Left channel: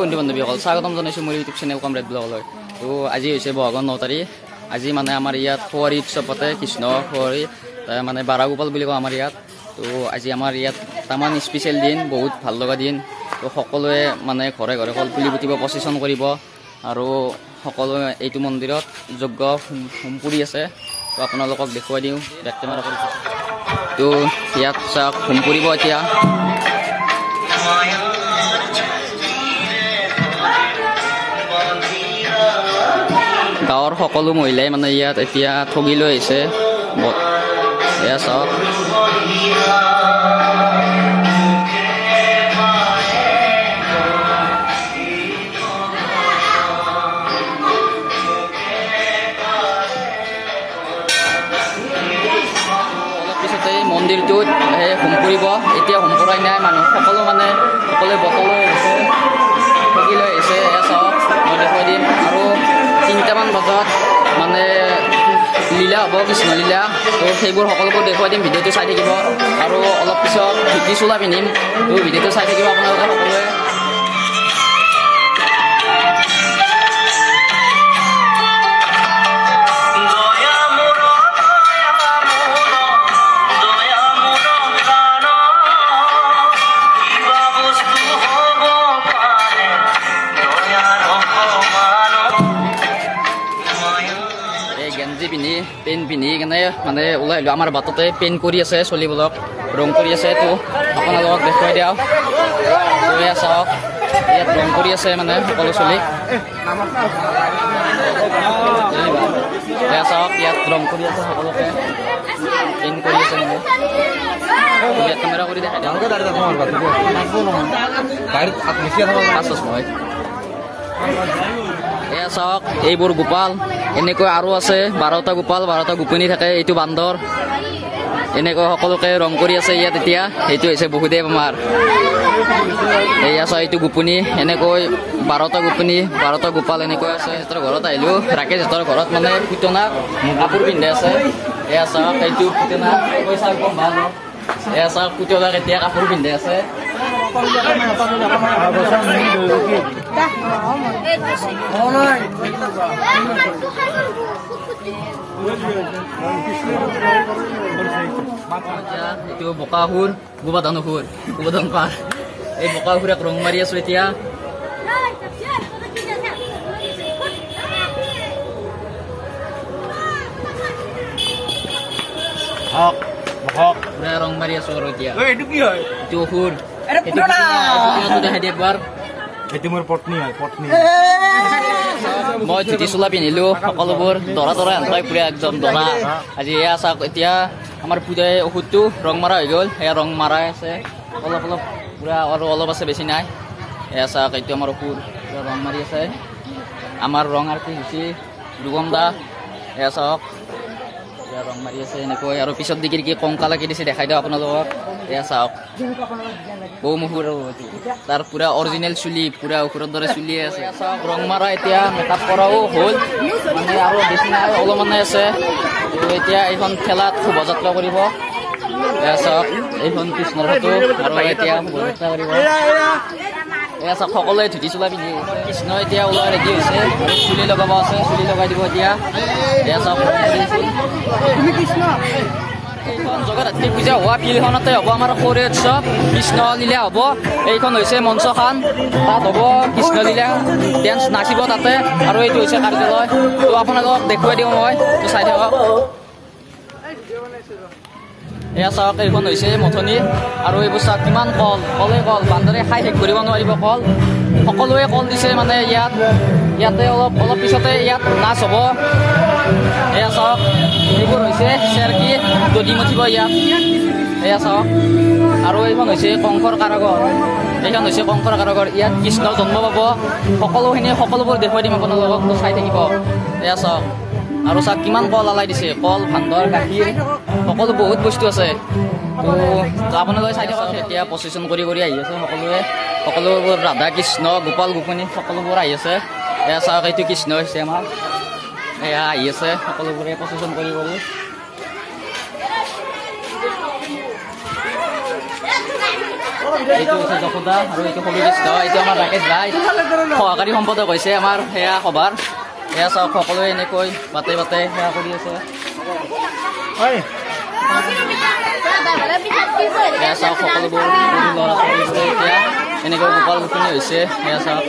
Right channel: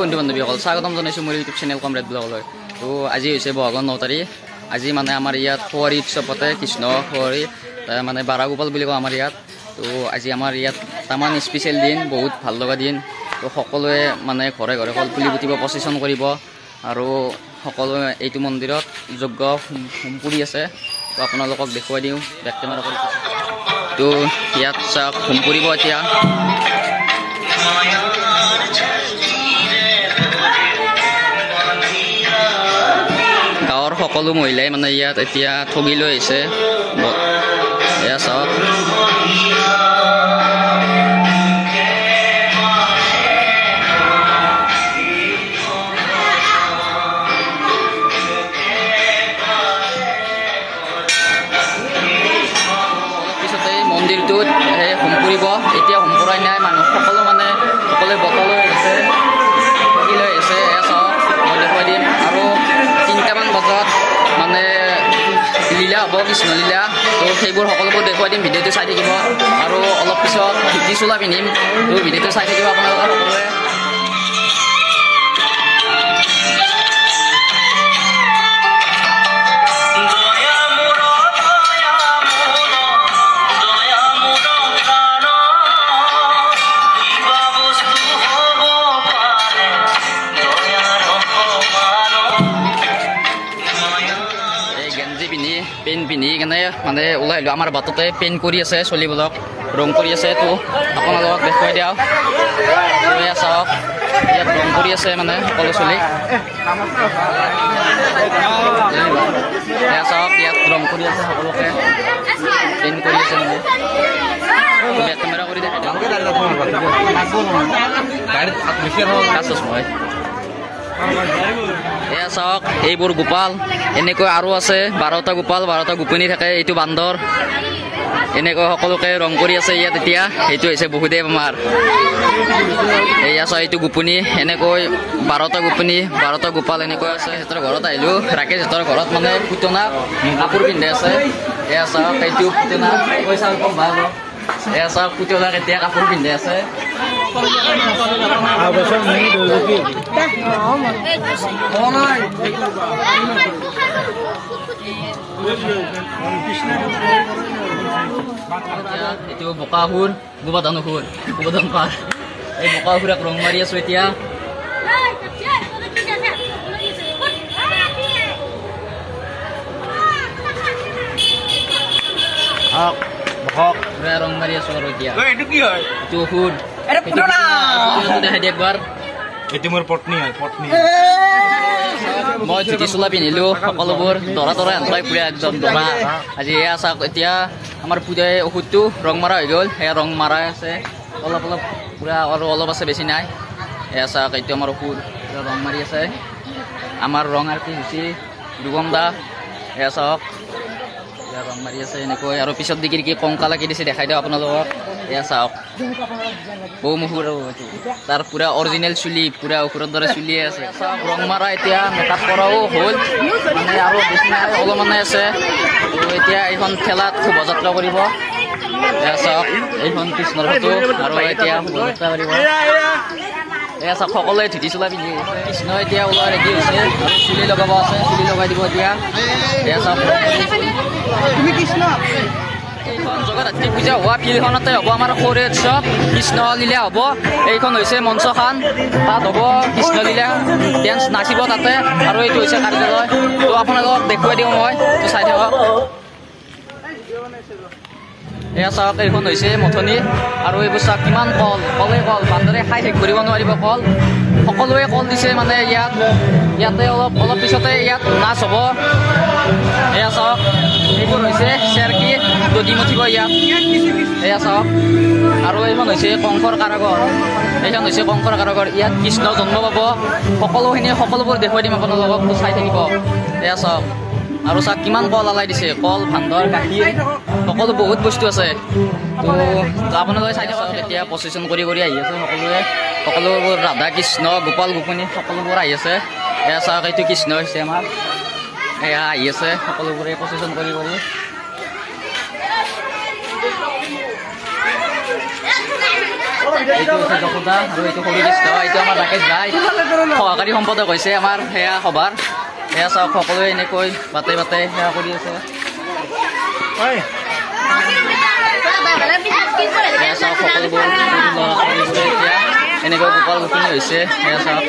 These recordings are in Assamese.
বন্ধু বান্ধৱীসকল স্বাগতম জনাইছোঁ মোৰ ইউটিউব চেনেল কমৰেড ব্লগলৈ। তো আজি হৈছে বহাগৰ 9 তাৰিখ। আজি মানে আমাৰ ইয়াত খোৱাৰী উৎসৱ পাতে, কৃষ্ণ খোৱাৰী মানে বাৰাগোপাল বুলি কওঁ আমাৰ ইয়াত। তো আজি আমাৰ ইয়াত তামান স্পেচিয়েল দিন, বহুত ভাল লগা দিন। তো সকলোৱে মানে ঘৰে ঘৰে কল পুলি পুতিব, প্ৰচেছন কৰিব আৰু সকলোৱে এইটো মন্দিৰত যজ্ঞ হোম কৰি আছে। তো আপোনালোকক দেখুৱাই দিওঁ বেক কেমেৰা কৰি। তো ইয়াত চাওক হোম কৰিব এতিয়া। গাঁৱৰ সকলো মহিলাই মানে ইয়াত এতিয়া ঠগি লৈ আহিছে। এয়া চাওক পিছতে মন্দিৰটোত হোম কৰিব। এতিয়া হোম কৰাই নাই, মানুহ সকলোৱে বটলৈ আহিছে, ঠগি লৈ আহিছে। এয়া চাওক মই দেখুৱাই দিম। আৰু 3টামান বজাত মানে লীলা হ'ব, কৃষ্ণ লীলা। তো সেইবোৰ সকলোবোৰ দেখুৱাই দিম, ভিডিঅ'টো চাই থাকিব। আৰু অলপ পিছত ধুতি চোলা পিন্ধিম, তো ভিডিঅ'টো চাই থাকিব আপোনালোকে সকলোৱে। গেঞ্জি পিন্ধি পেণ্ট পিন্ধি কেনে মানে ওলাই আহিলোঁ। আমাৰ বাটতে পেইণ্ট কৰি আছে, চলিবিলাক ৰং কৰি আছে। তো আপোনালোকক দেখুৱাই দিওঁ। তো এয়া চাওক ইয়াত ৰং কৰি আছে মানে সকলো চলি। এয়া চাওক ইয়াত ৰং কৰি আছে, সকলোকে পেইণ্ট কৰি আছে মানে। বেক কেমেৰা কৰি দেখাই দিওঁ। এয়া চাওক এইবোৰ গোপাল, এনেকৈ আৰু আছে 12টা গোপাল, 12টা গোপিনী থাকে। এইটো বান্দৰ, এনেকৈ সকলোকে ৰং কৰি আছে ইয়াত এতিয়া। এইটো হৈছে বহুদেৱ আমাৰ। এয়া চাওক এইটো গোপিনী, এনেকৈ 12টা গোপিনী, 12টা গোপাল এনেকৈ আছে। সিহঁতৰ ঘৰত আহিলোঁ, ৰাকেশ সিহঁতৰ ঘৰত মানে পুতনা কাপোৰ পিন্ধি আছে। এয়া চাওক এইটো পুতনা, পইচা কম ভাল। এয়া চাওক পুতনাক এতিয়া কাপোৰ পিন্ধি আছে। এইটো বোকাসুৰ, গোবৰ্ধন পাৰ। এই বোকাসুৰক ৰং মাৰি আছো এতিয়া। পুৰা ৰং মাৰি আছো আৰু এতিয়া। এইটো কি হয়? এইটো অসুৰ। দেখাই দিয়ে একবাৰ। এইটো মোৰ পত্নী হয়, পত্নী। মই ধুতি চোলা পিন্ধিলো, সকলোবোৰ দৰা আনপাই পুৰা একদম দৰা। আজি এয়া চাওক এতিয়া আমাৰ পূজাই ঔষধটো ৰং মাৰা হৈ গ'ল। সেয়া ৰং মাৰাই আছে অলপ পুৰা, আৰু অলপ আছে, বেছি নাই। এয়া চাওক এইটো আমাৰ ঔষধ ৰং মাৰি আছে। আমাৰ ৰং আৰতি হৈছে দুগম দা। এয়া চাওক ৰং মাৰি আছে এনেকৈ। আৰু পিছত দিগি কি কংকা লাগি দিছে দেখাই দিওঁ আপোনালোকক। এয়া চাওক বৌ মুহুৰ, তাৰ পুৰা অৰিজিনেল চুলি, পুৰা অসুৰৰ দৰে চুলি আছে। চাওক ৰং মাৰা এতিয়া মেকআপ কৰাও হ'ল মানে, আৰু বেছি নাই, অলপমানে আছে। তো এতিয়া এইখন ঠেলাত শোভাযাত্ৰা কৰিব। এয়া চাওক এইখন কৃষ্ণৰ ফটো, আৰু এতিয়া শোভাযাত্ৰা কৰিব। এয়া চাওক সকলোৱে ধুতি চোলা পিন্ধি কৃষ্ণ এতিয়া ওলোৱা ৰেডি হৈছে। আৰু চুলি লগাব আছে, চুলি লগাই দিব এতিয়া। এয়া চাওক এইখন জগদ্ধাত্ৰী পূজা হোৱা ফিল্ডখনতে হ'ব আমাৰ সৌৰে উৎসৱ, কৃষ্ণ লীলা হ'ব। এইখন হৈছে মঞ্চখন, তাত হ'ব কৃষ্ণ লীলা, ডেন্স নাচিব তাতে। আৰু এইটো হৈছে কাৰ্যালয়। তো আপোনালোকক দেখুৱাই দিওঁ মই, তো চাই থাকক। এয়া চাওক এইখন হৈছে মথনি। আৰু এইবোৰ চাওক কিমান কল, বান্দৰে খাই শেষ কৰিব নোৱাৰিব কল। সকলোৱে কল দিছে মানে ইয়াতে অলপ পিছতে ইয়াত নাচ হ'ব। এয়া চাওক এইবোৰ হৈছে চেৰকি, দধি মঠিব ইয়াত। এয়া চাওক। আৰু এইখন হৈছে কংসৰ কাৰাগৰ। ইয়াত কৃষ্ণ জন্ম পাব। সকলোবোৰ দেখুৱাই দিম আপোনালোকক, তো চাই থাকিব। এয়া চাওক। আৰু চাওক কিমান কল আলাই দিছে, কল, ভান্দৰ, গাখীৰ, সকলো বহুত বস্তু আছে। তো আপোনালোকে চাই থাকক। এতিয়া প্ৰচেছন কৰি আহি আছে সকলোবোৰ ৰাধা কৃষ্ণ, গোপাল গোপিনী সকলোবোৰ আহি আছে। এয়া চাওক এইটো কৃষ্ণ হৈছে আমাৰ। এয়া আহি আছে সকলোবোৰে প্ৰচেছন কৰি। এইটো হৈছে যশোদা আৰু এইটো সৰু দৃশ্য। এইটো আমাৰ ৰাকেশ ভাই সহকাৰী সম্পাদক হৈছে আমাৰ সেয়া সভাৰ। এয়া চাওক সকলোৱে এনেকৈ বাটে বাটে সেয়া কৰি আছে। এয়া চাওক সকলোবোৰ ল'ৰা ছোৱালীবোৰে এতিয়া এনেকৈ গোপাল গোপিনী হৈছে। এয়া চাওক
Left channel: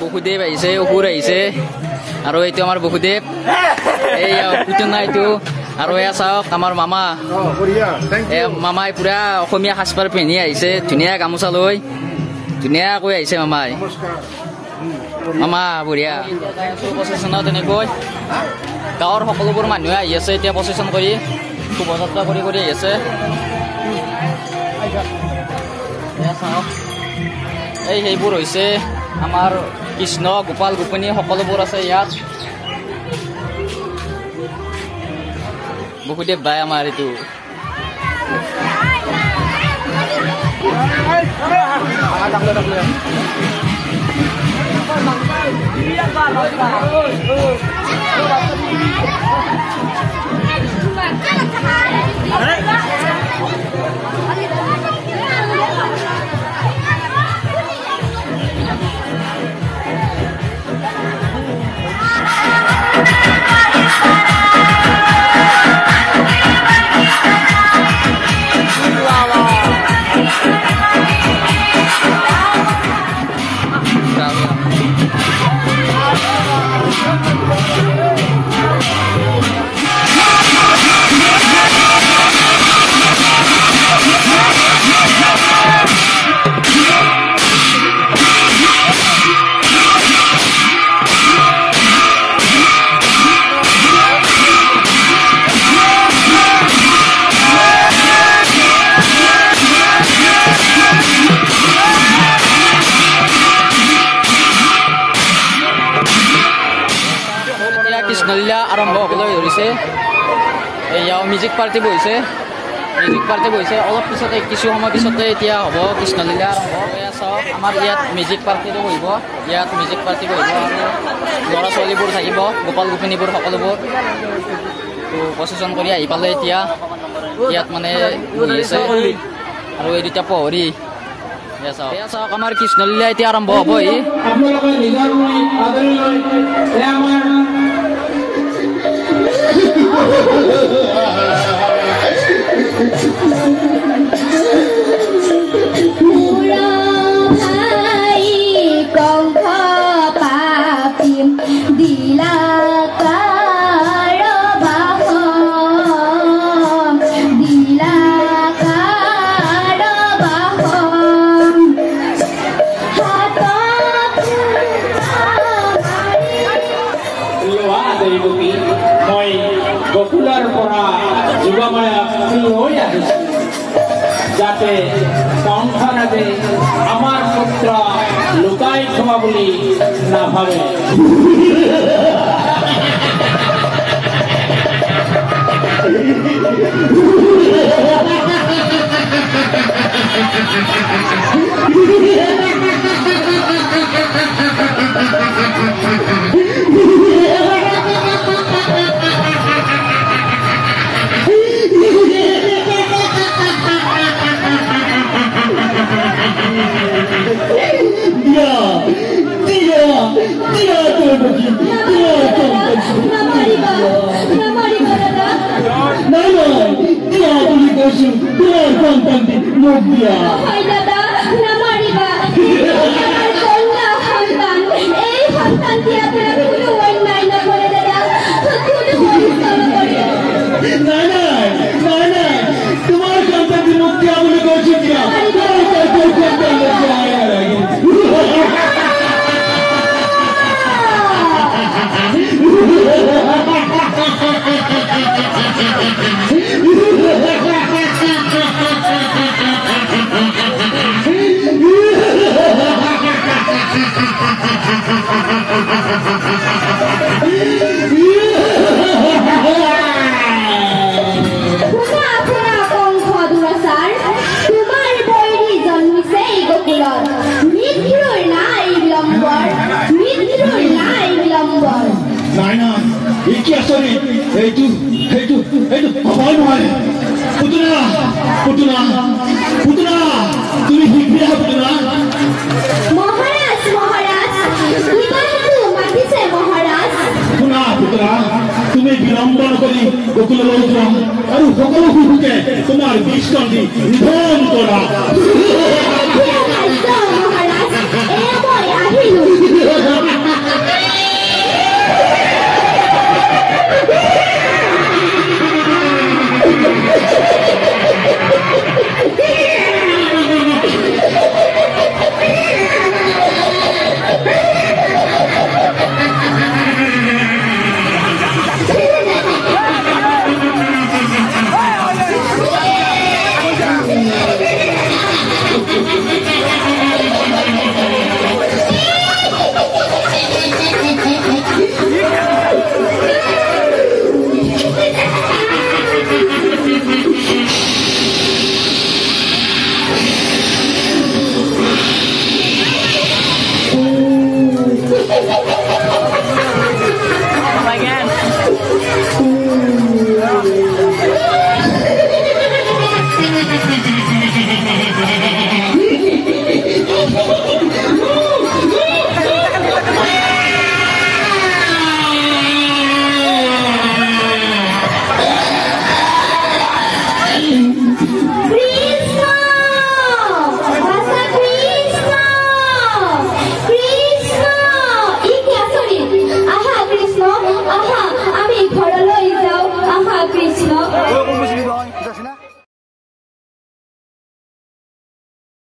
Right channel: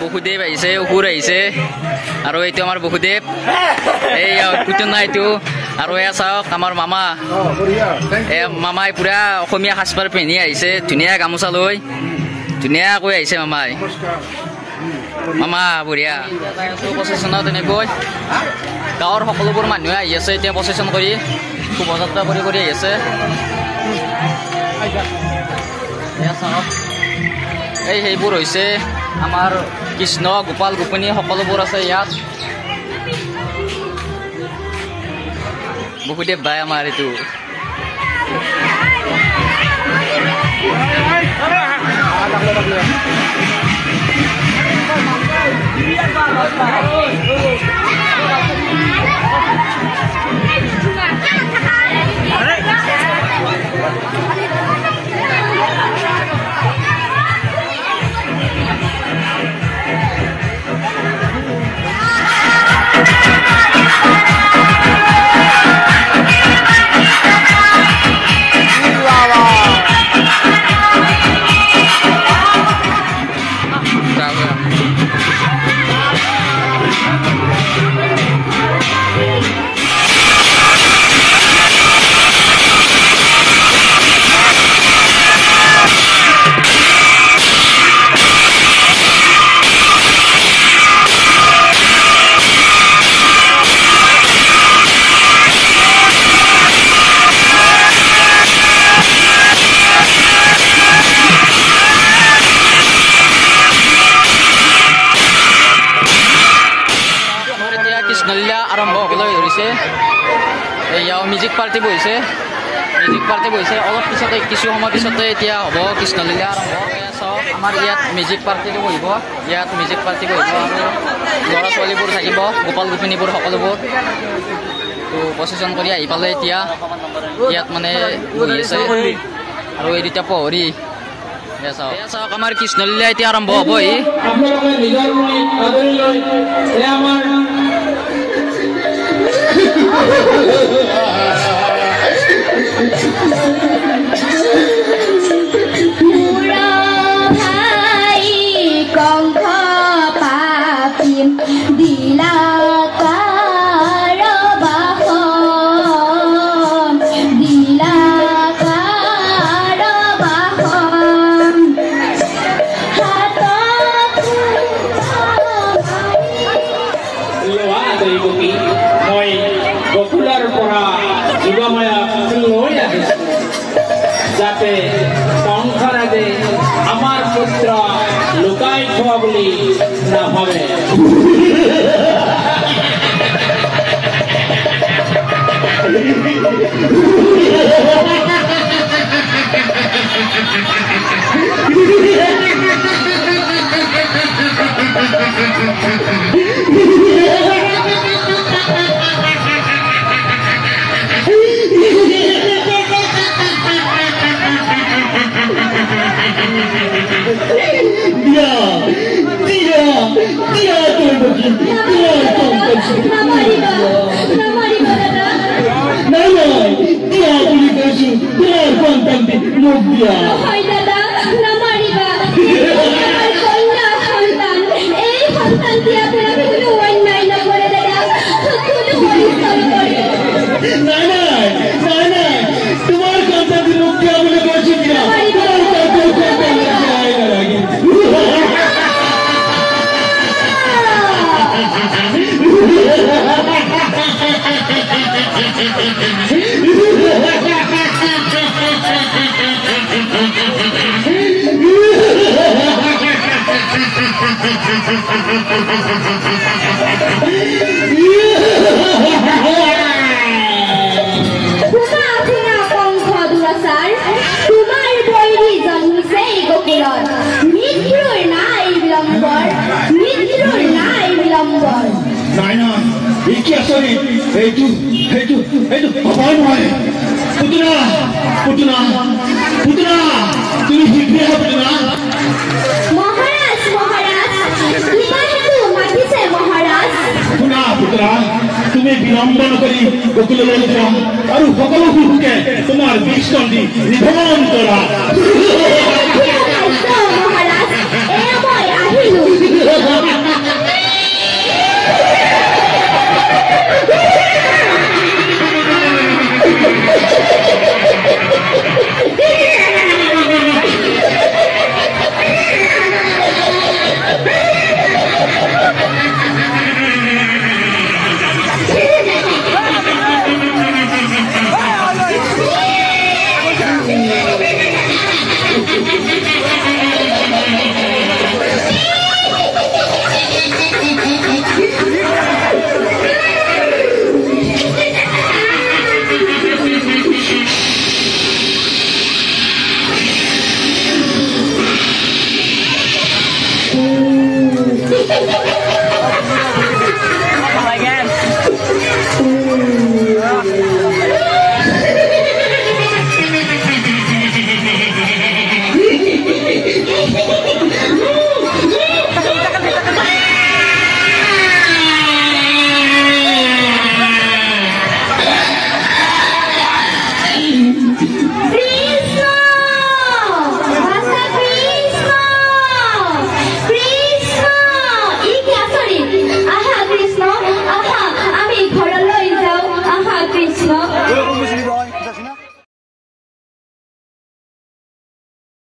বসুদেৱ আহিছে, অসুৰ আহিছে আৰু এইটো আমাৰ বসুদেৱ, এইয়া পুতনা এইটো। আৰু এয়া চাওক আমাৰ মামা, মামাই পুৰা অসমীয়া সাজপাৰ পিন্ধি আহিছে, ধুনীয়া গামোচা লৈ ধুনীয়াকৈ আহিছে মামাই। মামা বঢ়িয়া। প্ৰচেচনত এনেকৈ গাঁৱৰ সকলোবোৰ মানুহে আহি আছে এতিয়া প্ৰচেচন কৰি, শোভাযাত্ৰা কৰি কৰি আহি আছে। এয়া চাওক সেইবোৰ হৈছে আমাৰ কৃষ্ণ গোপাল গোপিনী সকলোবোৰ আছে ইয়াত। বসুদেৱ ভাই আমাৰ এইটো। কৃষ্ণলীলা আৰম্ভ হ'বলৈ ধৰিছে। এয়াও মিউজিক পাৰ্টি বহিছে, অলপ পিছতে কিছু সময় পিছতে এতিয়া হ'ব কৃষ্ণলীলা আৰম্ভ। চাওক আমাৰ ইয়াত মিউজিক পাৰ্টিটো বহিব, আৰু ল'ৰা ছোৱালীবোৰ থাকিব, গোপাল গোপিনীবোৰ সকলোবোৰ। তো প্ৰচেচন কৰি আহি পালে এতিয়া ইয়াত মানে বহি আছে আৰু এই দুটা প্ৰহৰী। চাওক আমাৰ কৃষ্ণলীলা এতিয়া আৰম্ভ হ'বহি। যাতে সংসাৰে আমাৰ পুত্ৰ লুকাই থোয়া বলি না ভাবে। বিলম্বন কৰি গোকুললৈ যাম আৰু সকলো শিশুকে তোমাৰ বিষ্ণ দি নিধন কৰা